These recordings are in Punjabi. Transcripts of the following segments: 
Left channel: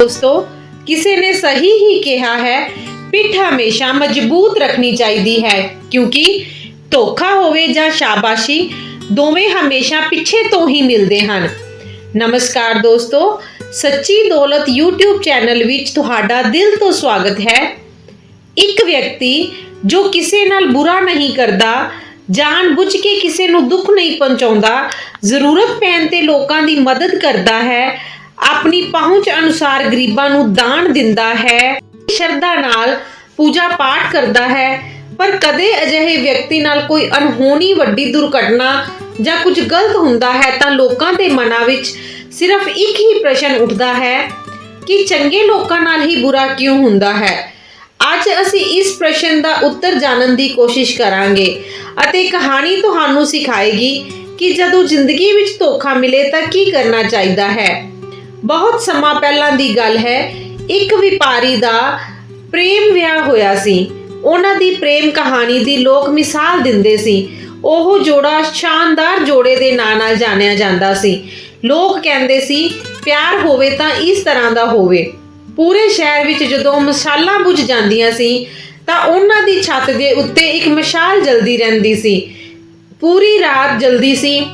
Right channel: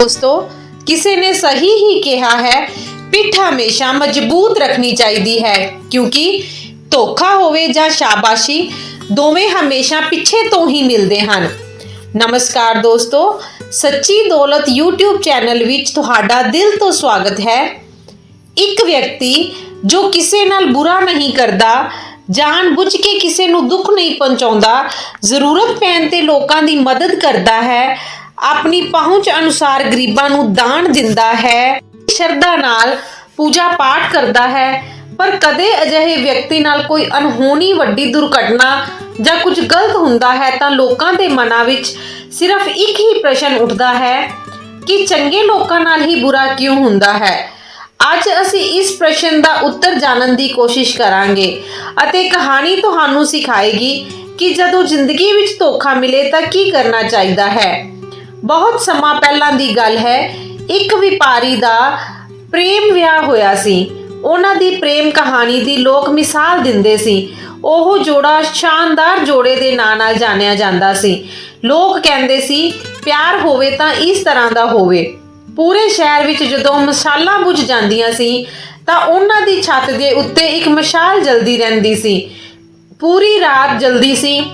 ਦੋਸਤੋ, ਕਿਸੇ ਨੇ ਸਹੀ ਹੀ ਕਿਹਾ ਹੈ, ਪਿੱਠ ਹਮੇਸ਼ਾ ਮਜ਼ਬੂਤ ਰੱਖਣੀ ਚਾਹੀਦੀ ਹੈ, ਕਿਉਂਕਿ ਧੋਖਾ ਹੋਵੇ ਜਾਂ ਸ਼ਾਬਾਸ਼ੀ, ਦੋਵੇਂ ਹਮੇਸ਼ਾ ਪਿੱਛੇ ਤੋਂ ਹੀ ਮਿਲਦੇ ਹਨ। ਨਮਸਕਾਰ ਦੋਸਤੋ, ਸੱਚੀ ਦੌਲਤ YouTube ਚੈਨਲ ਵਿੱਚ ਤੁਹਾਡਾ ਦਿਲ ਤੋਂ ਸਵਾਗਤ ਹੈ। ਇੱਕ ਵਿਅਕਤੀ ਜੋ ਕਿਸੇ ਨਾਲ ਬੁਰਾ ਨਹੀਂ ਕਰਦਾ ਜਾਣ ਬੁੱਝ ਕੇ ਕਿਸੇ ਨੂੰ ਦੁੱਖ ਨਹੀਂ ਪਹੁੰਚਾਉਂਦਾ, ਜ਼ਰੂਰਤ ਪੈਣ ਤੇ ਲੋਕਾਂ ਦੀ ਮਦਦ ਕਰਦਾ ਹੈ ਆਪਣੀ ਪਹੁੰਚ ਅਨੁਸਾਰ ਗਰੀਬਾਂ ਨੂੰ ਦਾਨ ਦਿੰਦਾ ਹੈ, ਸ਼ਰਧਾ ਨਾਲ ਪੂਜਾ ਪਾਠ ਕਰਦਾ ਹੈ, ਪਰ ਕਦੇ ਅਜਿਹੇ ਵਿਅਕਤੀ ਨਾਲ ਕੋਈ ਅਨਹੋਣੀ ਵੱਡੀ ਦੁਰਘਟਨਾ ਜਾਂ ਕੁਝ ਗਲਤ ਹੁੰਦਾ ਹੈ ਤਾਂ ਲੋਕਾਂ ਦੇ ਮਨਾਂ ਵਿੱਚ ਸਿਰਫ ਇੱਕ ਹੀ ਪ੍ਰਸ਼ਨ ਉੱਠਦਾ ਹੈ ਕਿ ਚੰਗੇ ਲੋਕਾਂ ਨਾਲ ਹੀ ਬੁਰਾ ਕਿਉਂ ਹੁੰਦਾ ਹੈ? ਅੱਜ ਅਸੀਂ ਇਸ ਪ੍ਰਸ਼ਨ ਦਾ ਉੱਤਰ ਜਾਣਨ ਦੀ ਕੋਸ਼ਿਸ਼ ਕਰਾਂਗੇ ਅਤੇ ਕਹਾਣੀ ਤੁਹਾਨੂੰ ਸਿਖਾਏਗੀ ਕਿ ਜਦੋਂ ਜ਼ਿੰਦਗੀ ਵਿੱਚ ਧੋਖਾ ਮਿਲੇ ਤਾਂ ਕੀ ਕਰਨਾ ਚਾਹੀਦਾ ਹੈ? ਬਹੁਤ ਸਮਾਂ ਪਹਿਲਾਂ ਦੀ ਗੱਲ ਹੈ, ਇੱਕ ਵਪਾਰੀ ਦਾ ਪ੍ਰੇਮ ਵਿਆਹ ਹੋਇਆ ਸੀ। ਉਹਨਾਂ ਦੀ ਪ੍ਰੇਮ ਕਹਾਣੀ ਦੀ ਲੋਕ ਮਿਸਾਲ ਦਿੰਦੇ ਸੀ। ਉਹ ਜੋੜਾ ਸ਼ਾਨਦਾਰ ਜੋੜੇ ਦੇ ਨਾਂ ਨਾਲ ਜਾਣਿਆ ਜਾਂਦਾ ਸੀ। ਲੋਕ ਕਹਿੰਦੇ ਸੀ, ਪਿਆਰ ਹੋਵੇ ਤਾਂ ਇਸ ਤਰ੍ਹਾਂ ਦਾ ਹੋਵੇ। ਪੂਰੇ ਸ਼ਹਿਰ ਵਿੱਚ ਜਦੋਂ ਮਸਾਲਾਂ ਬੁਝ ਜਾਂਦੀਆਂ ਸੀ, ਤਾਂ ਉਹਨਾਂ ਦੀ ਛੱਤ ਦੇ ਉੱਤੇ ਇੱਕ ਮਸ਼ਾਲ ਜਲਦੀ ਰਹਿੰਦੀ ਸੀ। ਪੂਰੀ ਰਾਤ ਜਲਦੀ ਸੀ।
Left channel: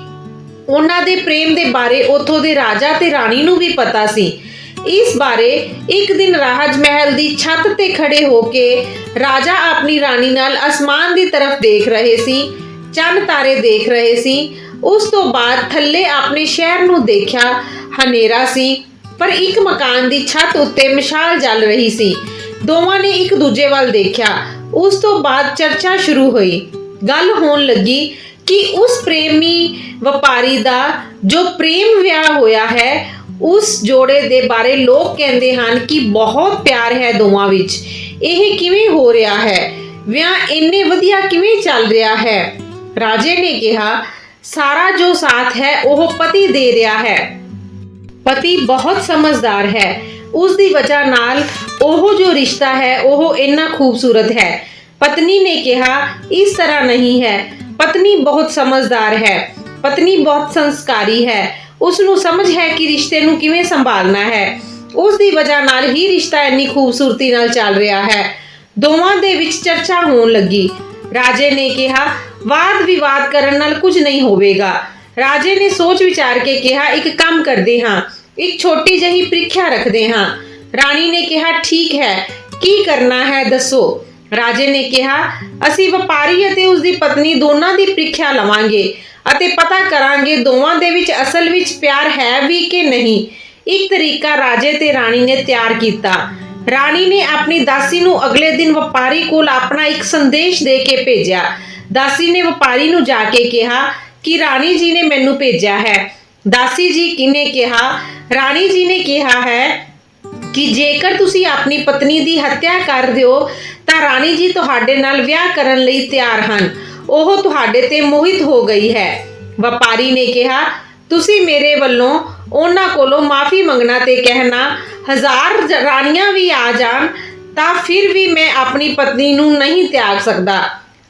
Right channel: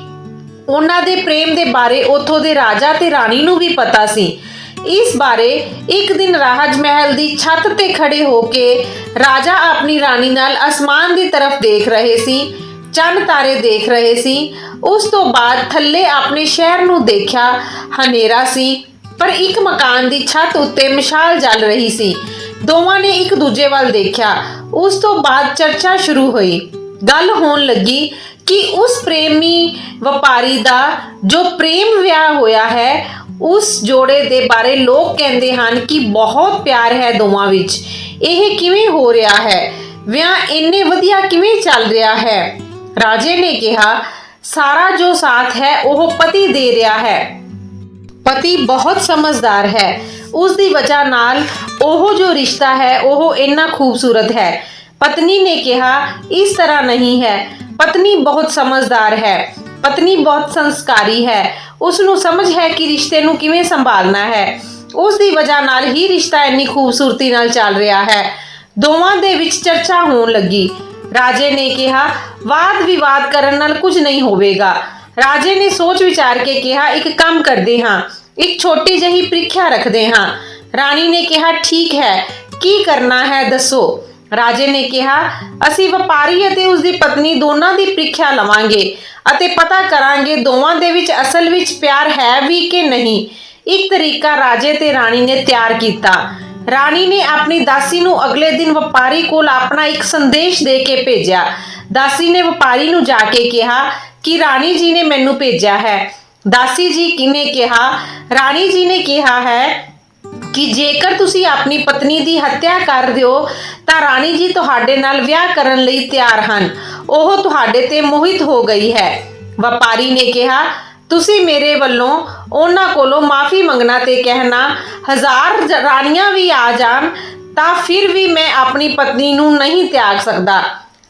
ਉਹਨਾਂ ਦੇ ਪ੍ਰੇਮ ਦੇ ਬਾਰੇ, ਉਥੋਂ ਦੇ ਰਾਜਾ ਤੇ ਰਾਣੀ ਨੂੰ ਵੀ ਪਤਾ ਸੀ। ਇਸ ਬਾਰੇ ਇੱਕ ਦਿਨ ਰਾਜ ਮਹਿਲ ਦੀ ਛੱਤ ਤੇ ਖੜੇ ਹੋ ਕੇ ਰਾਜਾ ਆਪਣੀ ਰਾਣੀ ਨਾਲ ਅਸਮਾਨ ਦੀ ਤਰਫ ਦੇਖ ਰਹੇ ਸੀ, ਚੰਨ ਤਾਰੇ ਦੇਖ ਰਹੇ ਸੀ। ਉਸ ਤੋਂ ਬਾਅਦ ਥੱਲੇ ਆਪਣੇ ਸ਼ਹਿਰ ਨੂੰ ਦੇਖਿਆ, ਹਨੇਰਾ ਸੀ, ਪਰ ਇੱਕ ਮਕਾਨ ਦੀ ਛੱਤ ਉੱਤੇ ਮਸ਼ਾਲ ਜਲ ਰਹੀ ਸੀ। ਦੋਵਾਂ ਨੇ ਇੱਕ ਦੂਜੇ ਵੱਲ ਦੇਖਿਆ। ਉਸ ਤੋਂ ਬਾਅਦ ਚਰਚਾ ਸ਼ੁਰੂ ਹੋਈ। ਗੱਲ ਹੋਣ ਲੱਗੀ ਕਿ ਉਸ ਪ੍ਰੇਮੀ ਵਪਾਰੀ ਦਾ ਜੋ ਪ੍ਰੇਮ ਵਿਆਹ ਹੋਇਆ ਹੈ, ਉਸ ਜੋੜੇ ਦੇ ਬਾਰੇ ਲੋਕ ਕਹਿੰਦੇ ਹਨ ਕਿ ਬਹੁਤ ਪਿਆਰ ਹੈ ਦੋਵਾਂ ਵਿੱਚ। ਇਹ ਕਿਵੇਂ ਹੋ ਰਿਹਾ ਹੈ? ਵਿਆਹ ਇੰਨੇ ਵਧੀਆ ਕਿਵੇਂ ਚੱਲ ਰਿਹਾ ਹੈ? ਰਾਜੇ ਨੇ ਕਿਹਾ, ਸਾਰਾ ਜੋ ਸਾਥ ਹੈ, ਉਹ ਪਤੀ ਦੇ ਰਿਹਾ ਹੈ। ਪਤੀ ਬਹੁਤ ਸਮਝਦਾਰ ਹੈ। ਉਸ ਦੀ ਵਜ੍ਹਾ ਨਾਲ ਉਹ ਜੋ ਰਿਸ਼ਤਾ ਹੈ, ਉਹ ਇੰਨਾ ਖੂਬਸੂਰਤ ਹੈ। ਪਤਨੀ ਨੇ ਕਿਹਾ, ਇਸ ਤਰ੍ਹਾਂ ਨਹੀਂ ਹੈ। ਪਤਨੀ ਬਹੁਤ ਸਮਝਦਾਰ ਹੈ, ਪਤਨੀ ਬਹੁਤ ਸੰਸਕਾਰੀ ਹੈ ਉਸ ਨੂੰ ਸਮਝ ਹੈ ਕਿ ਰਿਸ਼ਤੇ ਨੂੰ ਕਿਵੇਂ ਸੰਭਾਲਣਾ ਹੈ। ਉਸ ਦੀ ਵਜ੍ਹਾ ਨਾਲ ਹੀ ਰਿਸ਼ਤਾ ਇੰਨੀ ਖੂਬਸੂਰਤੀ ਨਾਲ ਚੱਲ ਰਿਹਾ ਹੈ। ਦੋਵਾਂ ਦੇ ਵਿੱਚ ਚਰਚਾ ਹੋਣ ਲੱਗੀ। ਰਾਜੇ ਨੇ ਕਿਹਾ, ਵਾਦ ਵਿਵਾਦ ਕਰਨ ਨਾਲ ਕੁਝ ਨਹੀਂ ਹੋਵੇਗਾ। ਰਾਜੇ ਨੇ ਸੋਚ ਵਿਚਾਰ ਕੇ ਕਿਹਾ, ਇੱਕ ਕੰਮ ਕਰਦੇ ਹਾਂ, ਇੱਕ ਛੋਟੀ ਜਿਹੀ ਪ੍ਰੀਖਿਆ ਰੱਖਦੇ ਹਾਂ। ਰਾਣੀ ਨੇ ਕਿਹਾ, ਠੀਕ ਹੈ, ਕੀ ਕਰਨਾ ਹੈ ਦੱਸੋ? ਰਾਜੇ ਨੇ ਕਿਹਾ, ਅਸੀਂ ਵਪਾਰੀ ਅਤੇ ਉਸ ਦੀ ਪਤਨੀ ਦੋਨਾਂ ਦੀ ਪ੍ਰੀਖਿਆ ਲਵਾਂਗੇ ਅਤੇ ਪਤਾ ਕਰਾਂਗੇ ਦੋਵਾਂ ਦੇ ਵਿੱਚ ਅਸਲ ਵਿੱਚ ਪਿਆਰ ਹੈ ਵੀ ਕਿ ਨਹੀਂ। ਇੱਕ ਤਰੀਕਾ ਰਾਜੇ ਤੇ ਰਾਣੀ ਨੇ ਤਿਆਰ ਕੀਤਾ। ਰਾਣੀ ਨੇ ਆਪਣੀ ਦਾਸੀ ਨੂੰ ਅਗਲੇ ਦਿਨ ਵਪਾਰੀ ਕੋਲ ਆਪਣਾ ਇੱਕ ਸੰਦੇਸ਼ ਦੇ ਕੇ ਭੇਜਿਆ। ਦਾਸੀ ਨੇ ਵਪਾਰੀ ਨੂੰ ਜਾ ਕੇ ਕਿਹਾ ਕਿ, ਰਾਣੀ ਜੀ ਨੇ ਮੈਨੂੰ ਭੇਜਿਆ ਹੈ। ਦਾਸੀ ਜੀ ਕਿਨੇ ਕਿਹਾ, ਰਾਣੀ ਜੀ ਨੇ ਕਿਹਾ ਹੈ ਕਿ ਜੇਕਰ ਤੁਸੀਂ ਆਪਣੀ ਪਤਨੀ ਦੀ ਹੱਤਿਆ ਕਰ ਦਿਓ, ਤਾਂ ਰਾਣੀ ਜੀ ਤੁਹਾਡੇ ਨਾਲ ਵਿਆਹ ਕਰਨ ਲਈ ਤਿਆਰ ਹਨ। ਉਹ ਤੁਹਾਡੇ ਤੇ ਮੋਹਿਤ ਹੋ ਗਈ ਹੈ। ਵਪਾਰੀ ਨੇ ਕਿਹਾ, ਤੁਸੀਂ ਮੇਰੇ ਵੱਲੋਂ ਉਹਨਾਂ ਕੋਲੋਂ ਮਾਫੀ ਮੰਗਣਾ ਤੇ ਕਹਿਣਾ, ਹਜ਼ਾਰ ਰਾਣੀਆਂ ਵੀ ਆ ਜਾਣ, ਤਾਂ ਫਿਰ ਵੀ ਮੈਂ ਆਪਣੀ ਪਤਨੀ ਨੂੰ ਨਹੀਂ ਤਿਆਗ ਸਕਦਾ।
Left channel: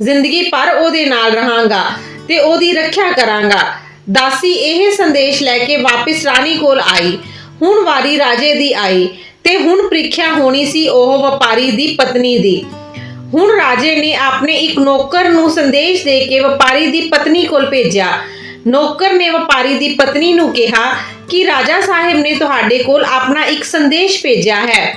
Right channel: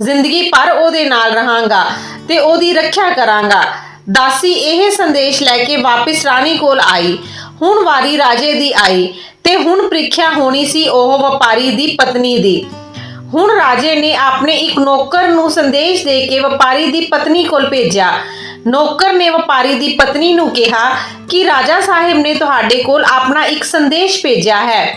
ਜ਼ਿੰਦਗੀ ਭਰ ਉਹਦੇ ਨਾਲ ਰਹਾਂਗਾ ਤੇ ਉਹਦੀ ਰੱਖਿਆ ਕਰਾਂਗਾ। ਦਾਸੀ ਇਹ ਸੰਦੇਸ਼ ਲੈ ਕੇ ਵਾਪਿਸ ਰਾਣੀ ਕੋਲ ਆਈ। ਹੁਣ ਵਾਰੀ ਰਾਜੇ ਦੀ ਆਈ ਤੇ ਹੁਣ ਪ੍ਰੀਖਿਆ ਹੋਣੀ ਸੀ ਉਹ ਵਪਾਰੀ ਦੀ ਪਤਨੀ ਦੀ। ਹੁਣ ਰਾਜੇ ਨੇ ਆਪਣੇ ਇੱਕ ਨੌਕਰ ਨੂੰ ਸੰਦੇਸ਼ ਦੇ ਕੇ ਵਪਾਰੀ ਦੀ ਪਤਨੀ ਕੋਲ ਭੇਜਿਆ। ਨੌਕਰ ਨੇ ਵਪਾਰੀ ਦੀ ਪਤਨੀ ਨੂੰ ਕਿਹਾ ਕਿ ਰਾਜਾ ਸਾਹਿਬ ਨੇ ਤੁਹਾਡੇ ਕੋਲ ਆਪਣਾ ਇੱਕ ਸੰਦੇਸ਼ ਭੇਜਿਆ ਹੈ।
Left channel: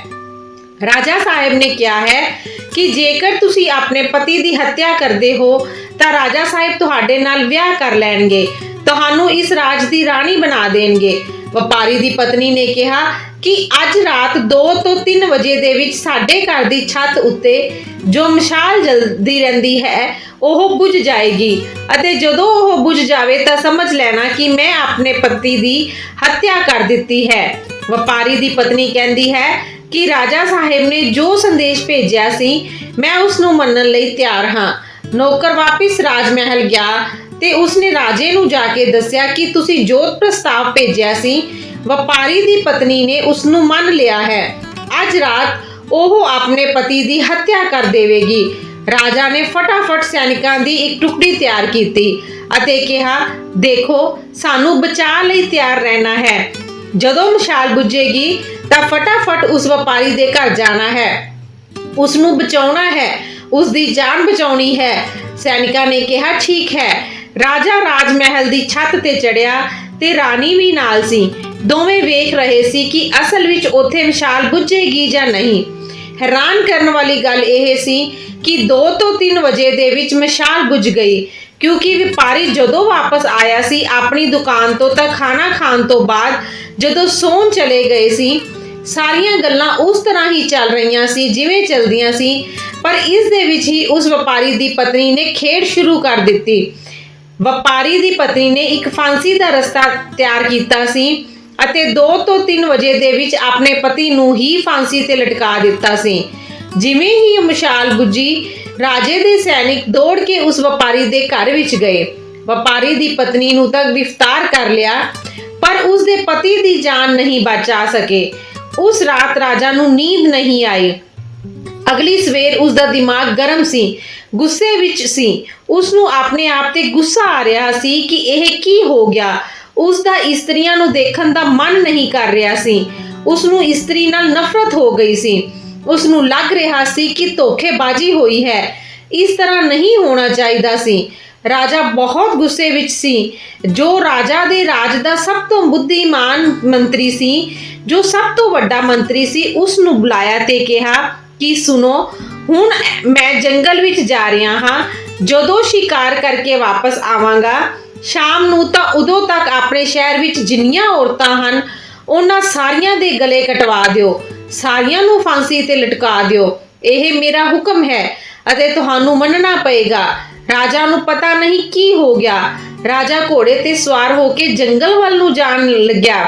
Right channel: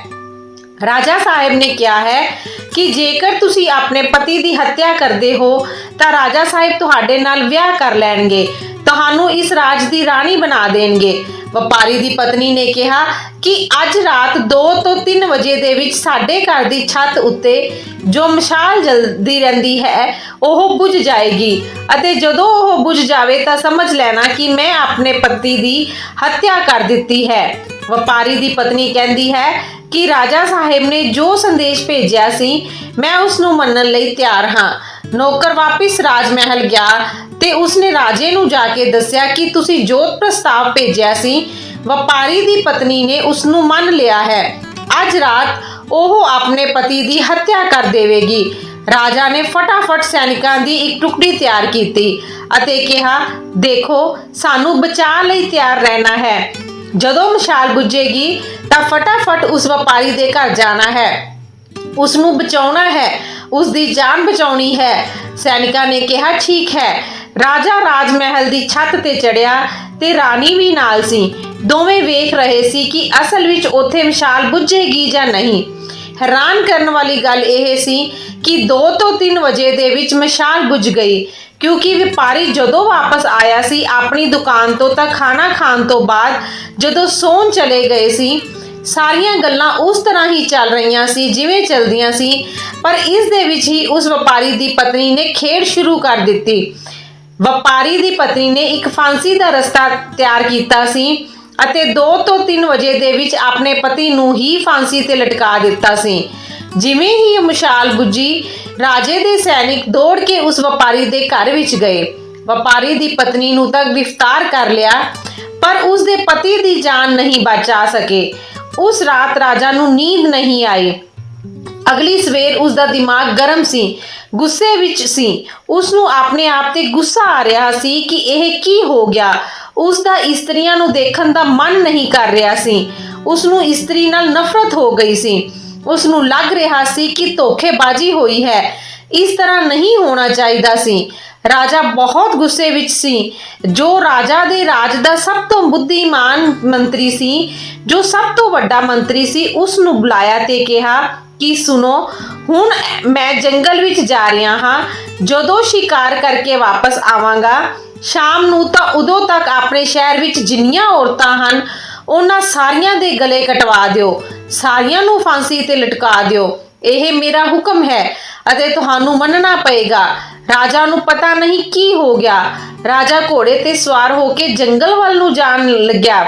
ਰਾਜਾ ਸਾਹਿਬ ਨੇ ਕਿਹਾ ਹੈ ਕਿ ਜੇਕਰ ਤੁਸੀਂ ਆਪਣੇ ਪਤੀ ਦੀ ਹੱਤਿਆ ਕਰਦੇ ਹੋ ਤਾਂ ਰਾਜਾ ਸਾਹਿਬ ਤੁਹਾਡੇ ਨਾਲ ਵਿਆਹ ਕਰ ਲੈਣਗੇ। ਤੁਹਾਨੂੰ ਇਸ ਰਾਜ ਦੀ ਰਾਣੀ ਬਣਾ ਦੇਣਗੇ। ਵਪਾਰੀ ਦੀ ਪਤਨੀ ਨੇ ਕਿਹਾ ਕਿ ਅੱਜ ਰਾਤ 2 ਤੋਂ 3 ਵਜੇ ਦੇ ਵਿੱਚ ਸਾਡੇ ਘਰ ਦੀ ਛੱਤ ਉੱਤੇ ਜੋ ਮਸ਼ਾਲ ਜਲਦੀ ਰਹਿੰਦੀ ਹੈ, ਉਹ ਬੁਝ ਜਾਏਗੀ। ਅਤੇ ਜਦੋਂ ਉਹ ਬੁਝ ਜਾਵੇ ਤਾਂ ਸਮਝ ਲੈਣਾ ਕਿ ਮੈਂ ਆਪਣੇ ਪਤੀ ਦੀ ਹੱਤਿਆ ਕਰ ਦਿੱਤੀ ਹੈ। ਵਪਾਰੀ ਦੀ ਪਤਨੀ ਕਹਿੰਦੀ ਹੈ ਕਿ ਰਾਜਾ ਸਾਹਿਬ ਨੇ ਜੋ ਸੰਦੇਸ਼ ਭੇਜਿਆ ਸੀ, ਮੈਂ ਉਸ ਨੂੰ ਮੰਨਣ ਲਈ ਤਿਆਰ ਹਾਂ। ਨੌਕਰ ਵਾਪਿਸ ਰਾਜ ਮਹਿਲ ਗਿਆ ਤੇ ਉਸਨੇ ਰਾਜੇ ਨੂੰ ਜਾ ਕੇ ਦੱਸਿਆ ਕਿ ਤੁਸੀਂ ਜੋਤ ਪ੍ਰਸਤਾਵ ਭੇਜਿਆ ਸੀ। ਵਪਾਰੀ ਦੀ ਪਤਨੀ ਨੇ ਉਸ ਨੂੰ ਮੰਨ ਲਿਆ ਹੈ। ਅੱਜ ਰਾਤ ਉਹ ਆਪਣੇ ਪਤੀ ਦੀ ਹੱਤਿਆ ਕਰ ਦੇਵੇਗੀ। ਰਾਜਾ ਨੇ ਫਟਾਫਟ ਸੈਨਿਕਾਂ ਦੀ ਇੱਕ ਟੁਕੜੀ ਤਿਆਰ ਕੀਤੀ ਅਤੇ ਕਿਹਾ, ਦੇਖੋ, ਸਾਨੂੰ ਬਚਾਅ ਲਈ ਤਿਆਰ ਰਹਿਣਾ ਹੈ। ਜਦੋਂ ਮਸ਼ਾਲ ਬੁੱਝੇਗੀ, ਤਾਂ ਫਟਾਫਟ ਉਸ ਵਪਾਰੀ ਦੇ ਘਰ ਜਾਣਾ ਹੈ। ਉਸ ਨੂੰ ਬਚਾਉਣਾ ਹੈ। ਉਸ ਦੀ ਜਾਨ ਬਚਾਉਣੀ ਹੈ। ਸੈਨਿਕਾਂ ਨੇ ਕਿਹਾ, ਠੀਕ ਹੈ। ਰਾਜਾ ਰਾਜ ਮਹਿਲ ਦੀ ਛੱਤ ਤੇ ਚੜਿਆ ਤੇ ਰਾਣੀ ਵੀ ਨਾਲ ਸੀ। ਦੋਵੇਂ ਵੇਖ ਰਹੇ ਸੀ ਕਿ ਅਸਲ ਵਿੱਚ ਉੱਥੇ ਮਸ਼ਾਲ ਬੁੱਝੇਗੀ ਜਾਂ ਨਹੀਂ। ਹੈਰਾਨ ਕਰਨ ਵਾਲੀ ਗੱਲ ਇਹ ਸੀ ਕਿ 2 ਤੋਂ 3 ਵਜੇ ਦੇ ਵਿੱਚ ਮਸ਼ਾਲ ਬੁੱਝ ਗਈ, ਕਿਉਂਕਿ ਵਪਾਰੀ ਜਦੋਂ ਵਾਪਸ ਆਇਆ ਸੀ, ਆਪਣੀ ਦੁਕਾਨ ਤੋਂ ਤਾਂ ਖਾਣਾ ਖਾਣ ਤੋਂ ਬਾਅਦ ਜਦੋਂ ਸੌਣ ਚਲੇ ਗਏ ਸੀ, ਸਾਰੀਆਂ ਗੱਲਾਂ ਉਸ ਤਰ੍ਹਾਂ ਹੀ ਚੱਲ ਰਹੀਆਂ ਸੀ, ਜਿਵੇਂ ਚੱਲਦੀਆਂ ਸੀ, ਪਰ ਇਸ ਦੇ ਵਿੱਚ ਹੀ ਉਸ ਵਪਾਰੀ ਦੀ ਪਤਨੀ ਨੇ ਖੇਡ ਸ਼ੁਰੂ ਕਰ ਦਿੱਤੀ। ਵਪਾਰੀ ਦੀ ਪਤਨੀ ਨੇ ਇੱਕ ਫਾਂਸੀ ਦਾ ਰਸਤਾ ਤਿਆਰ ਕੀਤਾ ਸੀ ਅਤੇ 2 ਤੋਂ 3 ਵਜੇ ਦੇ ਵਿੱਚ ਆਪਣੇ ਪਤੀ ਨੂੰ ਹੀ ਫਾਂਸੀ ਤੇ ਲਟਕਾ ਦਿੱਤਾ ਸੀ। ਜਿਵੇਂ ਹੀ ਮਸ਼ਾਲ ਬੁੱਝੀ ਰਾਜੇ ਦੇ ਸੈਨਿਕ ਦੌੜ ਕੇ ਉਸ ਵਪਾਰੀ ਦੇ ਘਰ ਵਿੱਚ ਗਏ। ਵਪਾਰੀ ਦੀ ਪਤਨੀ ਨੂੰ ਤਾਂ ਗ੍ਰਿਫਤਾਰ ਕਰ ਲਿਆ, ਪਰ ਉਸ ਦੇ ਪਤੀ ਦੀ ਜਾਨ ਨਹੀਂ ਬਚਾ ਸਕੇ। ਉਸ ਰਾਤ ਰਾਜਾ ਨੂੰ ਨੀਂਦ ਨਹੀਂ ਆਈ। ਅਗਲੀ ਸਵੇਰ ਉਸ ਦਾ ਦਿਮਾਗ ਗਰਮ ਸੀ। ਗੁੱਸੇ ਵਿੱਚ ਸੀ। ਉਸ ਨੂੰ ਆਪਣੇ ਆਪ ਤੇ ਗੁੱਸਾ ਆ ਰਿਹਾ ਸੀ ਕਿ ਇਹ ਕੀ ਹੋ ਗਿਆ। ਉਸ ਦਾ ਇਸਤਰੀਆਂ ਨੂੰ ਦੇਖਣ ਦਾ ਮਨ ਨਹੀਂ ਕਰ ਰਿਹਾ ਸੀ। ਉਸ ਨੂੰ ਇਸਤਰੀ ਨਾਲ ਨਫ਼ਰਤ ਹੋ ਗਈ ਸੀ। ਉਸ ਨੂੰ ਲੱਗ ਰਿਹਾ ਸੀ ਕਿ ਧੋਖੇਬਾਜ਼ੀ ਹੋਈ ਹੈ। ਇਸ ਤਰ੍ਹਾਂ ਨਹੀਂ ਹੋਣਾ ਚਾਹੀਦਾ ਸੀ। ਰਾਜਾ ਬਹੁਤ ਗੁੱਸੇ ਵਿੱਚ ਸੀ। ਜੋ ਰਾਜਾ ਦੇ ਰਾਜ ਦਾ ਸਭ ਤੋਂ ਬੁੱਧੀਮਾਨ ਮੰਤਰੀ ਸੀ, ਜੋ ਸਭ ਤੋਂ ਵੱਡਾ ਮੰਤਰੀ ਸੀ ਉਸ ਨੂੰ ਬੁਲਾਇਆ ਤੇ ਕਿਹਾ ਕਿ ਸੁਨੋ ਹੁਣ ਮੈਂ ਜੰਗਲ ਵਿੱਚ ਜਾ ਰਿਹਾ ਹਾਂ, ਜਦੋਂ ਸ਼ਿਕਾਰ ਕਰਕੇ ਵਾਪਸ ਆਵਾਂਗਾ, ਸ਼ਾਮ ਨੂੰ ਤਾਂ ਉਦੋਂ ਤੱਕ ਆਪਣੇ ਸ਼ਹਿਰ ਵਿੱਚ ਜਿੰਨੀਆਂ ਔਰਤਾਂ ਹਨ, ਉਹਨਾਂ ਸਾਰੀਆਂ ਦੇ ਗਲੇ ਕਟਵਾ ਦਿਓ, ਸਾਰੀਆਂ ਨੂੰ ਫਾਂਸੀ ਤੇ ਲਟਕਾ ਦਿਓ, ਇਹ ਮੇਰਾ ਹੁਕਮ ਹੈ ਅਤੇ ਤੁਹਾਨੂੰ ਮੰਨਣਾ ਪਏਗਾ। ਰਾਜਾ ਨੂੰ ਪਤਾ ਨਹੀਂ ਕੀ ਹੋ ਗਿਆ। ਰਾਜਾ ਘੋੜੇ ਤੇ ਸਵਾਰ ਹੋ ਕੇ ਜੰਗਲ ਵੱਲ ਨੂੰ ਜਾਣ ਲੱਗਿਆ।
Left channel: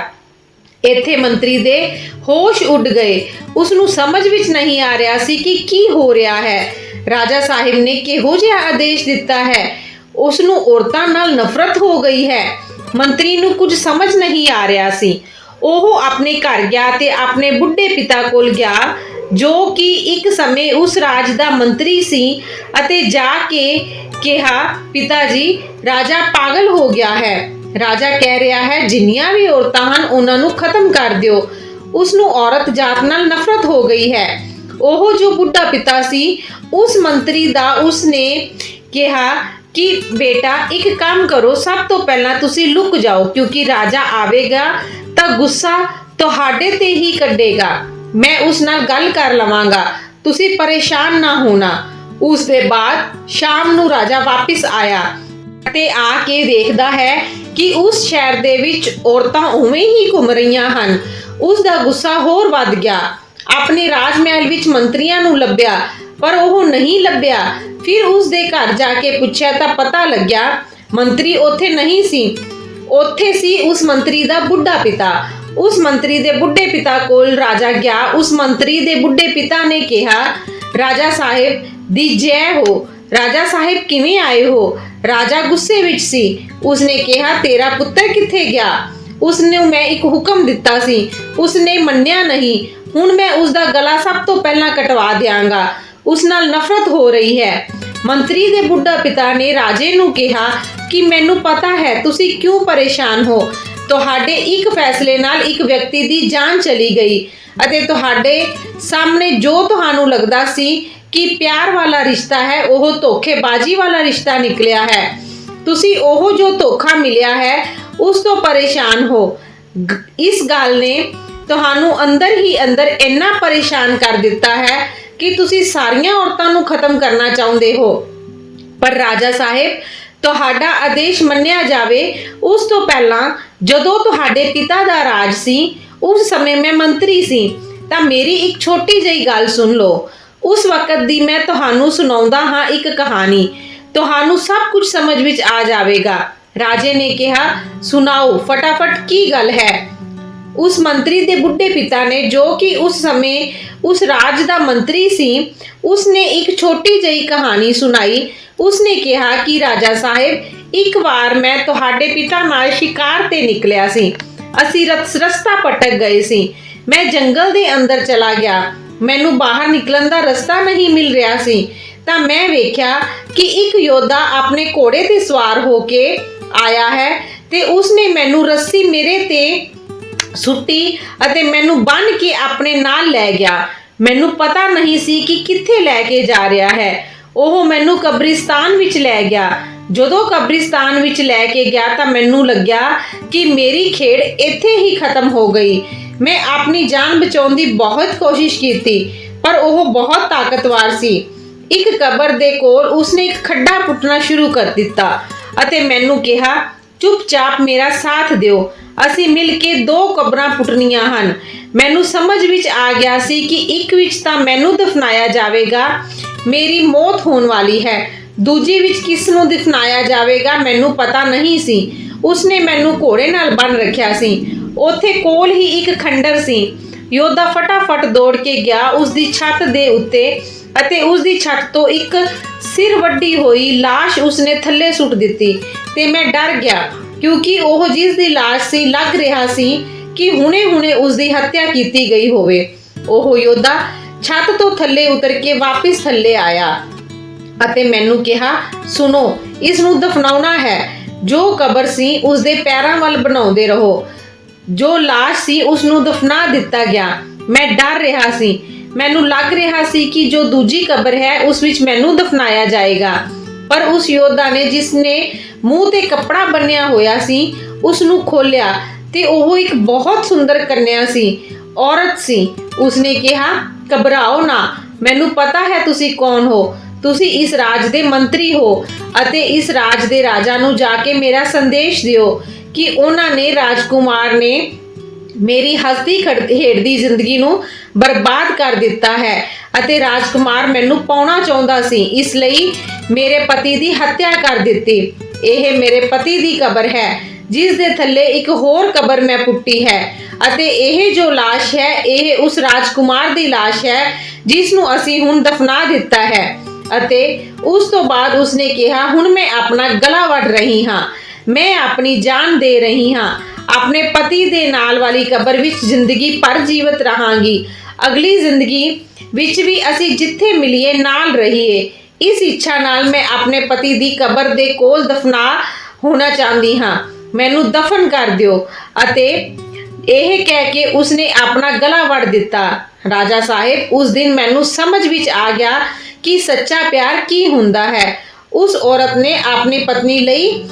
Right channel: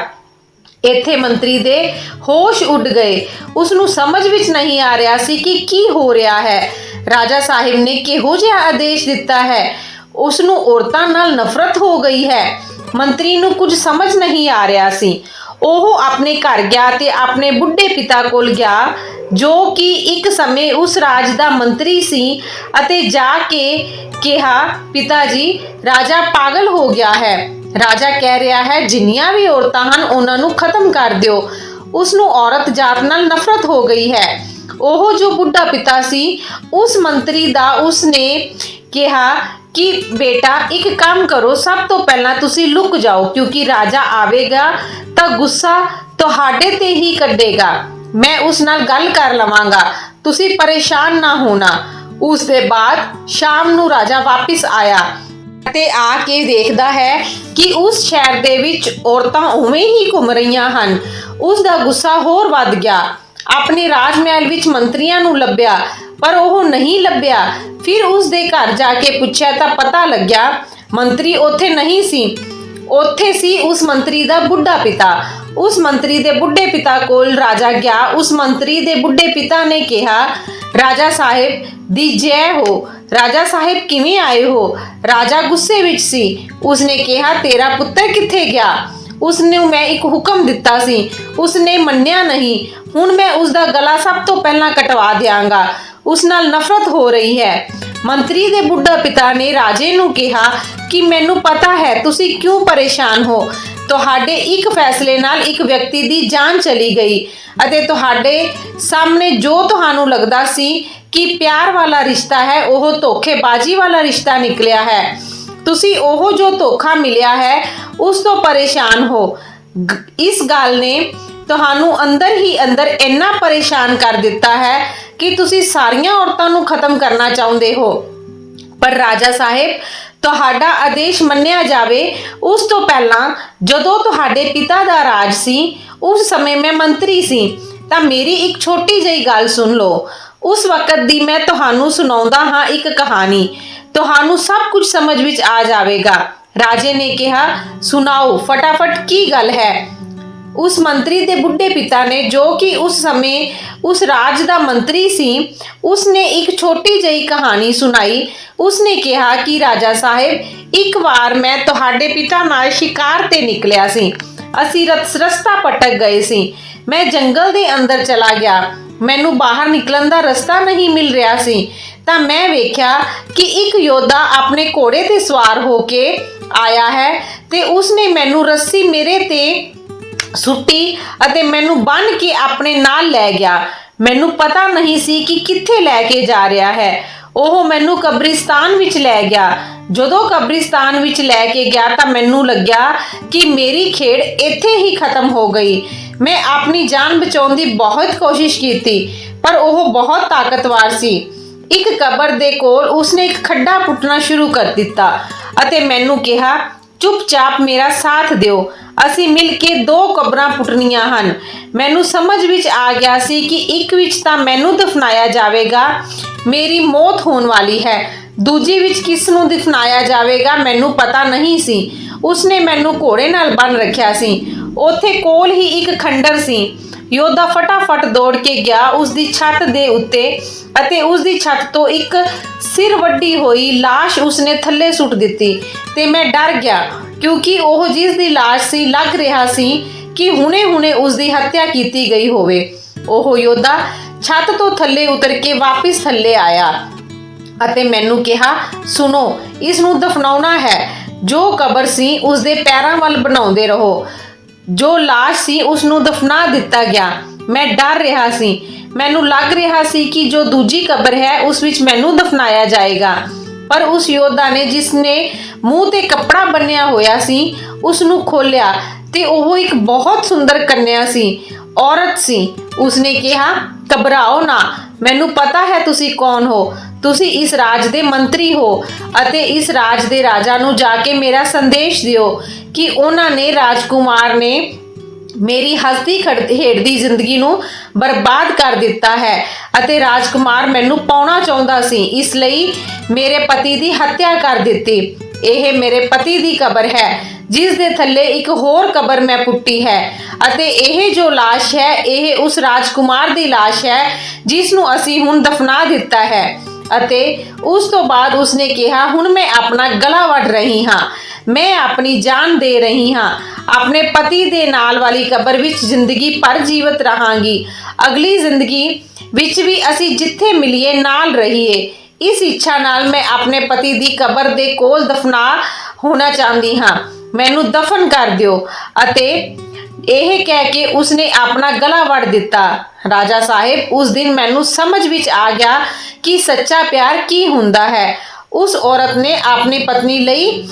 ਇੱਥੇ ਮੰਤਰੀ ਦੇ ਹੋਸ਼ ਉੱਡ ਗਏ। ਉਸ ਨੂੰ ਸਮਝ ਵਿੱਚ ਨਹੀਂ ਆ ਰਿਹਾ ਸੀ ਕਿ ਕੀ ਹੋ ਰਿਹਾ ਹੈ। ਰਾਜਾ ਸਾਹਿਬ ਨੇ ਕਿਹੋ ਜਿਹਾ ਆਦੇਸ਼ ਦਿੱਤਾ ਹੈ? ਉਸ ਨੂੰ ਔਰਤਾਂ ਨਾਲ ਨਫ਼ਰਤ ਹੋ ਗਈ ਹੈ। ਮੰਤਰੀ ਨੂੰ ਕੁਝ ਸਮਝ ਨਹੀਂ ਆ ਰਿਹਾ ਸੀ। ਉਹ ਆਪਣੇ ਘਰ ਗਿਆ ਤੇ ਆਪਣੇ ਬੁੱਢੇ ਪਿਤਾ ਕੋਲ ਗਿਆ, ਜੋ ਕਿ ਇੱਕ ਸਮੇਂ ਉਸ ਰਾਜ ਦਾ ਮੰਤਰੀ ਸੀ ਅਤੇ ਜਾ ਕੇ ਕਿਹਾ, ਪਿਤਾ ਜੀ, ਰਾਜਾ ਪਾਗਲ ਹੋ ਗਿਆ ਹੈ। ਰਾਜਾ ਕਹਿ ਰਿਹਾ ਹੈ, ਜਿੰਨੀਆਂ ਵੀ ਔਰਤਾਂ ਹਨ, ਉਹਨਾਂ ਨੂੰ ਖਤਮ ਕਰ ਦਿਓ। ਉਸ ਨੂੰ ਔਰਤ ਜਾਤ ਨਾਲ ਨਫ਼ਰਤ ਹੋ ਗਈ ਹੈ। ਉਹ ਜੋ ਬੁੱਢਾ ਪਿਤਾ ਸੀ, ਉਸ ਮੰਤਰੀ ਦਾ ਉਸ ਨੇ ਕਿਹਾ ਕਿ, ਬੇਟਾ, ਇੱਕ ਕੰਮ ਕਰੋ, ਸਭ ਤੋਂ ਪਹਿਲਾਂ ਤੁਸੀਂ ਲੁਕ ਜਾਓ, ਕਿਉਂਕਿ ਰਾਜਾ ਆਵੇਗਾ ਤਾਂ ਗੁੱਸਾ ਤੁਹਾਡੇ ਤੇ ਹੀ ਕੱਢੇਗਾ। ਮੈਂ ਉਸ ਨਾਲ ਗੱਲ ਕਰ ਲਵਾਂਗਾ। ਤੁਸੀਂ ਪਰੇਸ਼ਾਨ ਨਾ ਹੋਣਾ। ਉਸ ਦੇ ਬਾਅਦ ਸ਼ਾਮ ਨੂੰ ਰਾਜਾ ਵਾਪਸ ਆਇਆ। ਅਤੇ ਆ ਕੇ ਦੇਖਦਾ ਹੈ ਕਿ ਉਸ ਸ਼ਹਿਰ ਦੇ ਵਿੱਚ ਔਰਤਾਂ ਉਵੇਂ ਹੀ ਘੁੰਮ ਰਹੀਆਂ ਹਨ। ਉਸ ਦਾ ਗੁੱਸਾ ਹੋਰ ਵੱਧ ਗਿਆ। ਆਪਣੇ ਰਾਜ ਵਿੱਚ ਮੰਤਰੀਆਂ ਨੂੰ ਲੱਭਿਆ, ਪਰ ਉਹ ਨਹੀਂ ਲੱਭਿਆ। ਫਿਰ ਉਸ ਦੇ ਘਰ ਜਾ ਕੇ ਪੁੱਛਿਆ ਤਾਂ ਪਤਾ ਲੱਗਿਆ, ਮੰਤਰੀ ਉੱਥੇ ਨਹੀਂ ਸੀ। ਉੱਥੇ ਸੀ ਉਸ ਮੰਤਰੀ ਦਾ ਬੁੱਢਾ ਪਿਤਾ। ਉਸ ਮੰਤਰੀ ਦੇ ਬੁੱਢੇ ਪਿਤਾ ਕੋਲ ਰਾਜਾ ਗਿਆ। ਉਸ ਮੰਤਰੀ ਦੇ ਬੁੱਢੇ ਪਿਤਾ ਨੇ ਕਿਹਾ, ਰਾਜਾ ਸਾਹਿਬ, ਦੀ ਜੈ ਹੋ। ਰਾਜਾ ਸਾਹਿਬ ਕਿਵੇਂ ਆਏ ਹੋ? ਰਾਜਾ ਗੁੱਸੇ ਵਿੱਚ ਸੀ। ਉਸਨੇ ਕਿਹਾ, ਤੇਰਾ ਪੁੱਤਰ ਕਿੱਥੇ ਗਿਆ? ਉਸ ਨੂੰ ਮੈਂ ਇੱਕ ਹੁਕਮ ਦਿੱਤਾ ਸੀ। ਉਸਨੇ ਮੰਨਿਆ ਨਹੀਂ। ਹੁਣ ਮੈਂ ਉਸ ਦਾ ਗਲਾ ਸਭ ਤੋਂ ਪਹਿਲਾਂ ਕਟਵਾ ਦਿਆਂਗਾ। ਉਸ ਨਾਲ ਨਫ਼ਰਤ ਹੋ ਰਹੀ ਹੈ। ਮੰਤਰੀ ਦੇ ਬੁੱਢਾ ਪਿਤਾ ਨੇ ਰਾਜੇ ਨੂੰ ਕਿਹਾ ਕਿ, ਮੈਨੂੰ ਪਤਾ ਹੈ, ਤੁਸੀਂ ਕਿਉਂ ਪਰੇਸ਼ਾਨ ਹੋ? ਤੁਹਾਡੇ ਇੱਕ ਫੈਸਲੇ ਨਾਲ ਇੱਕ ਵਿਅਕਤੀ ਦੀ ਜਾਨ ਚਲੀ ਗਈ ਅਤੇ ਤੁਹਾਡੇ ਸਾਹਮਣੇ ਜੋ ਤੁਹਾਨੂੰ ਲੱਗਦਾ ਸੀ ਕਿ ਪਿਆਰ ਵਾਲਾ ਰਿਸ਼ਤਾ ਹੈ, ਉਹ ਧੋਖੇਬਾਜ਼ੀ ਵਾਲਾ ਰਿਸ਼ਤਾ ਨਿਕਲਿਆ ਹੈ। ਤੁਸੀਂ ਉਹ ਜੋ ਧੋਖਾ ਮਿਲਿਆ ਹੈ, ਉਸ ਤੋਂ ਪਰੇਸ਼ਾਨ ਹੋ। ਇਸ ਗੱਲ ਨੇ ਤੁਹਾਨੂੰ ਅੰਦਰ ਹੀ ਅੰਦਰ ਇੰਨਾ ਪਰੇਸ਼ਾਨ ਕਰ ਦਿੱਤਾ ਹੈ ਕਿ ਤੁਸੀਂ ਸਾਰੀਆਂ ਔਰਤਾਂ ਨੂੰ ਖਤਮ ਕਰਨਾ ਚਾਹੁੰਦੇ ਹੋ। ਪਰ ਰਾਜਾ ਸਾਹਿਬ, ਤੁਹਾਡਾ ਆਦੇਸ਼ ਮੰਨਿਆ ਜਾਵੇ, ਉਸ ਤੋਂ ਪਹਿਲਾਂ ਜਦੋਂ ਤੁਹਾਡੇ ਪਿਤਾ ਦਾ ਰਾਜ ਸੀ, ਉਸ ਸਮੇਂ ਮੈਂ ਮੰਤਰੀ ਸੀ। ਤਾਂ ਮੇਰੀ ਇੱਕ ਛੋਟੀ ਜਿਹੀ ਗੱਲ ਸੁਣ ਲਓ। ਉਸ ਵਕਤ ਦੀ ਮੈਂ ਤੁਹਾਨੂੰ ਸੁਣਾਉਂਦਾ ਹਾਂ ਇੱਕ ਕਹਾਣੀ। ਤੁਹਾਨੂੰ ਸਭ ਕੁਝ ਸਮਝ ਵਿੱਚ ਆ ਜਾਵੇਗਾ। ਰਾਜੇ ਨੇ ਕਿਹਾ, ਸੁਣਾਓ, ਫਟਾਫਟ ਕੀ ਗੱਲ ਹੈ? ਉਸ ਮੰਤਰੀ ਦੇ ਬੁੱਢੇ ਪਿਤਾ ਨੇ, ਜੋ ਕਿ ਉਸ ਸਮੇਂ ਉਸ ਰਾਜ ਦਾ ਮੰਤਰੀ ਸੀ ਉਸ ਨੇ ਇੱਕ ਛੋਟੀ ਜਿਹੀ ਕਹਾਣੀ ਸੁਣਾਈ। ਉਸ ਨੇ ਕਿਹਾ ਕਿ, ਰਾਜਾ ਸਾਹਿਬ, ਇੱਕ ਵਾਰ ਮੈਂ ਤੁਹਾਡੇ ਪਿਤਾ ਨਾਲ ਸ਼ਿਕਾਰ ਤੇ ਨਿਕਲਿਆ ਸੀ। ਅਸੀਂ ਰਸਤਾ ਭਟਕ ਗਏ ਸੀ। ਮੈਂ ਜੰਗਲ ਦੇ ਅੰਦਰ ਚਲਾ ਗਿਆ। ਮੈਨੂੰ ਬਾਹਰ ਨਿਕਲਣ ਦਾ ਰਸਤਾ ਨਹੀਂ ਮਿਲ ਰਿਹਾ ਸੀ, ਤਾਂ ਮੈਂ ਵੇਖਿਆ ਕਿ ਇੱਕ ਯੋਧਾ ਆਪਣੇ ਘੋੜੇ ਤੇ ਸਵਾਰ ਹੋ ਕੇ ਆਇਆ ਹੈ ਤੇ ਉਸਨੇ ਮੈਨੂੰ ਰੱਸੀ ਮੇਰੇ ਤੇ ਸੁੱਟੀ ਅਤੇ ਮੈਨੂੰ ਬੰਨ ਕੇ ਆਪਣੇ ਨਾਲ ਲੈ ਗਿਆ। ਮੈਨੂੰ ਪਤਾ ਨਹੀਂ ਸੀ ਕਿ ਕਿੱਥੇ ਲੈ ਕੇ ਜਾ ਰਿਹਾ ਹੈ। ਉਹ ਮੈਨੂੰ ਕਬਰਿਸਤਾਨ ਵਿੱਚ ਲੈ ਗਿਆ। ਜਦੋਂ ਕਬਰਿਸਤਾਨ ਵਿੱਚ ਲੈ ਕੇ ਗਿਆ ਤਾਂ ਮੈਨੂੰ ਲੱਗਿਆ ਕਿ ਮੇਰੀ ਖੇਡ ਇੱਥੇ ਹੀ ਖਤਮ ਹੋ ਗਈ। ਮੈਂ ਆਪਣੀ ਜਾਨ ਬਚਾਉਣ ਦੀ ਬਹੁਤ ਕੋਸ਼ਿਸ਼ ਕੀਤੀ, ਪਰ ਉਹ ਬਹੁਤ ਤਾਕਤਵਰ ਸੀ। ਇੱਕ ਕਬਰ ਦੇ ਕੋਲ ਉਸਨੇ ਇੱਕ ਖੱਡਾ ਪੁੱਟਣਾ ਸ਼ੁਰੂ ਕਰ ਦਿੱਤਾ ਅਤੇ ਮੈਨੂੰ ਕਿਹਾ, ਚੁੱਪਚਾਪ ਮੇਰਾ ਸਾਥ ਦਿਓ। ਅਸੀਂ ਮਿਲ ਕੇ ਦੋ ਕਬਰਾਂ ਪੁੱਟਣੀਆਂ ਹਨ। ਮੈਨੂੰ ਸਮਝ ਵਿੱਚ ਆ ਗਿਆ ਸੀ ਕਿ ਇੱਕ ਵਿੱਚ ਤਾਂ ਮੈਨੂੰ ਦਫਨਾਇਆ ਜਾਵੇਗਾ, ਮੇਰੀ ਮੌਤ ਹੋਣ ਵਾਲੀ ਹੈ। ਦੂਜੀ ਵਿੱਚ ਕਿਸ ਨੂੰ ਦਫਨਾਇਆ ਜਾਵੇਗਾ ਮੈਨੂੰ ਪਤਾ ਨਹੀਂ ਸੀ। ਉਸਨੇ ਮੈਨੂੰ ਘੋੜੇ ਨਾਲ ਬੰਨ ਰੱਖਿਆ ਸੀ। ਉੱਥੇ ਕੋਲ ਹੀ ਇੱਕ ਖੰਡਰ ਸੀ ਯੋਧਾ ਫਟਾਫਟ ਦੌੜ ਕੇ ਗਿਆ ਉਸ ਦੀ ਛੱਤ ਦੇ ਉੱਤੇ ਅਤੇ ਉਸ ਦੀ ਛੱਤ ਤੋਂ ਇੱਕ ਸਿਰ ਵੱਡੀ ਹੋਈ লাশ ਉਸਨੇ ਥੱਲੇ ਸੁੱਟ ਦਿੱਤੀ ਤੇ ਮੈਂ ਡਰ ਗਿਆ ਕਿਉਂਕਿ ਉਹ ਜਿਸ ਦੀ লাশ ਸੀ ਲੱਗ ਰਿਹਾ ਸੀ ਕਿ ਹੁਣੇ-ਹੁਣੇ ਉਸ ਦੀ ਹੱਤਿਆ ਕੀਤੀ ਗਈ ਹੋਵੇ ਉਹ ਯੋਧਾ ਛੱਤ ਤੋਂ ਥੱਲੇ ਉਤਰ ਕੇ ਵਾਪਸ ਥੱਲੇ ਆਇਆ ਅਤੇ ਮੈਨੂੰ ਕਿਹਾ ਸੁਣੋ ਇਸ ਨੂੰ ਦਫਨਾਉਣਾ ਹੈ ਜੋ ਕਬਰ ਸੀ ਉਸ ਦੇ ਪੈਰਾਂ ਵੱਲ ਬਣਾਉਂਦੇ ਰਹੋ ਜੋ লাশ ਸੀ ਉਸ ਨੂੰ ਦਫਨਾ ਦਿੱਤਾ ਗਿਆ। ਮੈਂ ਡਰ ਰਿਹਾ ਸੀ। ਮੈਨੂੰ ਲੱਗ ਰਿਹਾ ਸੀ ਕਿ ਜੋ ਦੂਜੀ ਕਬਰ ਹੈ, ਉਸ ਵਿੱਚ ਮੈਨੂੰ ਦਫਨਾਇਆ ਜਾਏਗਾ। ਪਰ ਉਸ ਯੋਧਾ ਨੇ, ਜਿਸ ਨੇ ਮੂੰਹ ਤੇ ਕੱਪੜਾ ਬੰਨਿਆ ਹੋਇਆ ਸੀ ਉਸ ਨੂੰ ਖੋਲਿਆ ਤੇ ਉਹ ਇੱਕ ਬਹੁਤ ਸੁੰਦਰ ਕੰਨਿਆ ਸੀ, ਔਰਤ ਸੀ। ਉਸਨੇ ਕਿਹਾ, ਘਬਰਾਓ ਨਾ। ਮੈਨੂੰ ਪਤਾ ਹੈ ਤੁਸੀਂ ਕੌਣ ਹੋ। ਤੁਸੀਂ ਇਸ ਰਾਜ ਦੇ ਮੰਤਰੀ ਹੋ ਅਤੇ ਇਸ ਰਾਜ ਦੇ ਰਾਜਾ ਨੂੰ ਜਾ ਕੇ ਮੇਰਾ ਸੰਦੇਸ਼ ਦਿਓ ਕਿ ਉਹਨਾਂ ਨੇ ਰਾਜਕੁਮਾਰ ਨੇ ਮੇਰੀ ਹਸਤੀ ਖੜ- ਖੇਡਦੀ ਜ਼ਿੰਦਗੀ ਨੂੰ ਬਰਬਾਦ ਕਰ ਦਿੱਤਾ ਹੈ ਅਤੇ ਰਾਜਕੁਮਾਰ ਮੈਨੂੰ ਪਾਉਣਾ ਚਾਹੁੰਦਾ ਸੀ ਇਸ ਲਈ ਮੇਰੇ ਪਤੀ ਦੀ ਹੱਤਿਆ ਕਰ ਦਿੱਤੀ ਇਹ ਮੇਰੇ ਪਤੀ ਦੀ ਕਬਰ ਹੈ ਜਿਸ ਦੇ ਥੱਲੇ ਇੱਕ ਹੋਰ ਕਬਰ ਮੈਂ ਪੁੱਟੀ ਹੈ ਅਤੇ ਇਹ ਜੋ লাশ ਹੈ ਇਹ ਉਸ ਰਾਜਕੁਮਾਰ ਦੀ লাশ ਹੈ ਜਿਸ ਨੂੰ ਅਸੀਂ ਹੁਣ ਦਫਨਾ ਦਿੱਤਾ ਹੈ ਅਤੇ ਉਸ ਤੋਂ ਬਾਅਦ ਉਸਨੇ ਕਿਹਾ, ਹੁਣ ਮੈਂ ਆਪਣਾ ਗਲਾ ਵੱਢ ਰਹੀ ਹਾਂ। ਮੈਂ ਆਪਣੀ ਜਾਨ ਦੇ ਰਹੀ ਹਾਂ। ਆਪਣੇ ਪਤੀ ਦੇ ਨਾਲ ਵਾਲੀ ਕਬਰ ਵਿੱਚ ਜ਼ਿੰਦਗੀ ਭਰ ਜੀਵਤ ਰਹਾਂਗੀ। ਅਗਲੀ ਜ਼ਿੰਦਗੀ ਵਿੱਚ ਵੀ ਅਸੀਂ ਜਿੱਥੇ ਮਿਲੀਏ, ਨਾਲ ਰਹੀਏ। ਇਸ ਇੱਛਾ ਨਾਲ ਮੈਂ ਆਪਣੇ ਪਤੀ ਦੀ ਕਬਰ ਦੇ ਕੋਲ ਦਫਨਾ ਹੋਣਾ ਚਾਹੁੰਦੀ ਹਾਂ। ਮੈਨੂੰ ਦਫਨ ਕਰ ਦਿਓ ਅਤੇ ਇਹ ਕਹਿ ਕੇ ਉਸਨੇ ਆਪਣਾ ਗਲਾ ਵੜ ਦਿੱਤਾ। ਰਾਜਾ ਸਾਹਿਬ, ਉਸ ਦਿਨ ਮੈਨੂੰ ਸਮਝ ਵਿੱਚ ਆ ਗਿਆ ਕਿ ਸੱਚਾ ਪਿਆਰ ਕੀ ਹੁੰਦਾ ਹੈ। ਉਸ ਔਰਤ ਨੇ ਆਪਣੀ ਪਤਨੀ ਲਈ,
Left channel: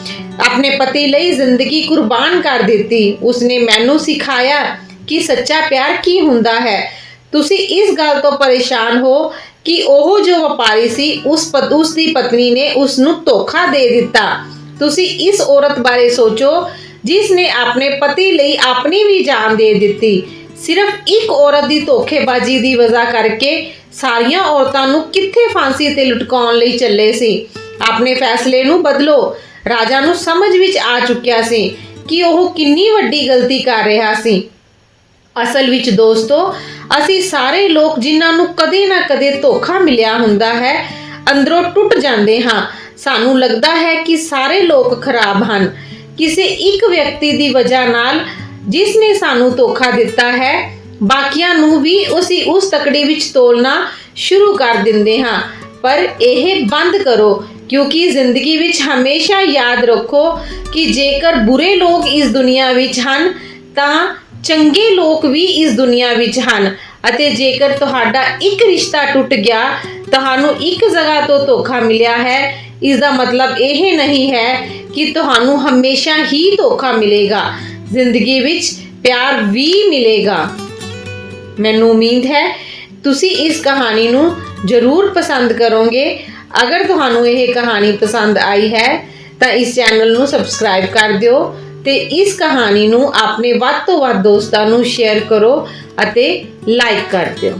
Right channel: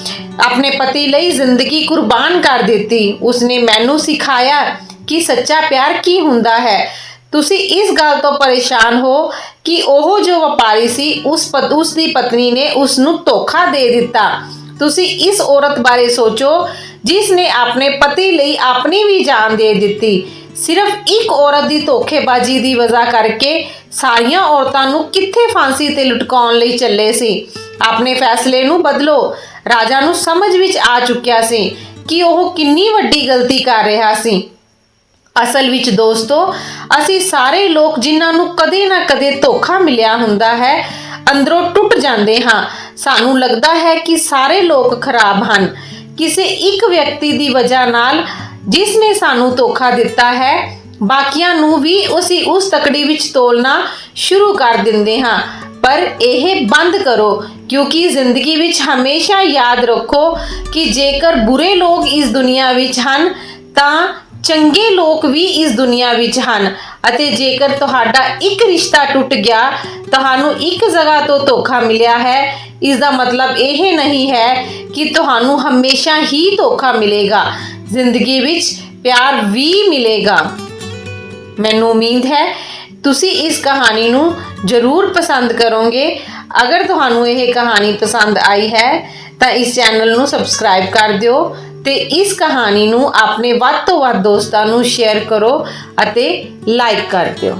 ਆਪਣੇ ਪਤੀ ਲਈ ਜ਼ਿੰਦਗੀ ਕੁਰਬਾਨ ਕਰ ਦਿੱਤੀ। ਉਸਨੇ ਮੈਨੂੰ ਸਿਖਾਇਆ ਕਿ ਸੱਚਾ ਪਿਆਰ ਕੀ ਹੁੰਦਾ ਹੈ। ਤੁਸੀਂ ਇਸ ਗੱਲ ਤੋਂ ਪਰੇਸ਼ਾਨ ਹੋ ਕਿ ਉਹ ਜੋ ਵਪਾਰੀ ਸੀ, ਉਸ ਪਤ ਉਸ ਦੀ ਪਤਨੀ ਨੇ ਉਸ ਨੂੰ ਧੋਖਾ ਦੇ ਦਿੱਤਾ। ਤੁਸੀਂ ਇਸ ਔਰਤ ਬਾਰੇ ਸੋਚੋ ਜਿਸ ਨੇ ਆਪਣੇ ਪਤੀ ਲਈ ਆਪਣੀ ਵੀ ਜਾਨ ਦੇ ਦਿੱਤੀ। ਸਿਰਫ ਇੱਕ ਔਰਤ ਦੀ ਧੋਖੇਬਾਜ਼ੀ ਦੀ ਵਜ੍ਹਾ ਕਰਕੇ ਸਾਰੀਆਂ ਔਰਤਾਂ ਨੂੰ ਕਿੱਥੇ ਫਾਂਸੀ ਤੇ ਲਟਕਾਉਣ ਲਈ ਚੱਲੇ ਸੀ? ਆਪਣੇ ਫੈਸਲੇ ਨੂੰ ਬਦਲੋ। ਰਾਜਾ ਨੂੰ ਸਮਝ ਵਿੱਚ ਆ ਚੁੱਕਿਆ ਸੀ ਕਿ ਉਹ ਕਿੰਨੀ ਵੱਡੀ ਗਲਤੀ ਕਰ ਰਿਹਾ ਸੀ। ਅਸਲ ਵਿੱਚ ਦੋਸਤੋ, ਅਸੀਂ ਸਾਰੇ ਲੋਕ ਜਿਨ੍ਹਾਂ ਨੂੰ ਕਦੇ ਨਾ ਕਦੇ ਧੋਖਾ ਮਿਲਿਆ ਹੁੰਦਾ ਹੈ, ਅੰਦਰੋਂ ਟੁੱਟ ਜਾਂਦੇ ਹਾਂ। ਸਾਨੂੰ ਲੱਗਦਾ ਹੈ ਕਿ ਸਾਰੇ ਲੋਕ ਖਰਾਬ ਹਨ। ਕਿਸੇ ਇੱਕ ਵਿਅਕਤੀ ਦੀ ਵਜ੍ਹਾ ਨਾਲ ਜਿਸ ਨੇ ਸਾਨੂੰ ਧੋਖਾ ਦਿੱਤਾ ਹੈ, ਬਾਕੀਆਂ ਨੂੰ ਵੀ ਉਸੇ ਉਸ ਤਕੜੀ ਵਿੱਚ ਤੋਲਣਾ ਸ਼ੁਰੂ ਕਰ ਦਿੰਦੇ ਹਾਂ। ਪਰ ਇਹ ਬੰਦ ਕਰੋ, ਕਿਉਂਕਿ ਜ਼ਿੰਦਗੀ ਵਿੱਚ ਹਮੇਸ਼ਾ ਯਾਦ ਰੱਖੋ ਕਿ ਜੇਕਰ ਬੁਰੇ ਲੋਕ ਇਸ ਦੁਨੀਆ ਵਿੱਚ ਹਨ, ਤਾਂ ਚੰਗੇ ਲੋਕ ਵੀ ਇਸ ਦੁਨੀਆ ਵਿੱਚ ਹਨ। ਅਤੇ ਜੇਕਰ ਤੁਹਾਡਾ ਇੱਕ ਰਿਸ਼ਤਾ ਟੁੱਟ ਗਿਆ ਤੁਹਾਨੂੰ ਇੱਕ ਜਗ੍ਹਾ ਤੋਂ ਧੋਖਾ ਮਿਲਿਆ ਹੈ। ਇਸ ਦਾ ਮਤਲਬ ਇਹ ਨਹੀਂ ਹੈ ਕਿ ਤੁਹਾਨੂੰ ਹਮੇਸ਼ਾ ਹੀ ਧੋਖਾ ਮਿਲੇਗਾ। ਜ਼ਿੰਦਗੀ ਵਿੱਚ ਪਿਆਰ ਵੀ ਮਿਲੇਗਾ। ਮੈਨੂੰ ਉਮੀਦ ਹੈ, ਤੁਸੀਂ ਇਸ ਕਹਾਣੀ ਨੂੰ ਜ਼ਰੂਰ ਪਸੰਦ ਕਰੋਗੇ। ਅਗਰ ਤੁਹਾਨੂੰ ਇਹ ਕਹਾਣੀ ਪਸੰਦ ਆਈ ਹੈ, ਤਾਂ ਇਸ ਚੈਨਲ ਨੂੰ ਸਬਸਕ੍ਰਾਈਬ ਕਰ ਦਿਓ ਤੇ ਇਸ ਕਹਾਣੀ ਨੂੰ ਆਪਣੇ ਵੱਧ ਤੋਂ ਵੱਧ ਦੋਸਤਾਂ ਨੂੰ ਸ਼ੇਅਰ ਕਰੋ ਅਤੇ ਲਾਈਕ ਕਰ ਦਿਓ।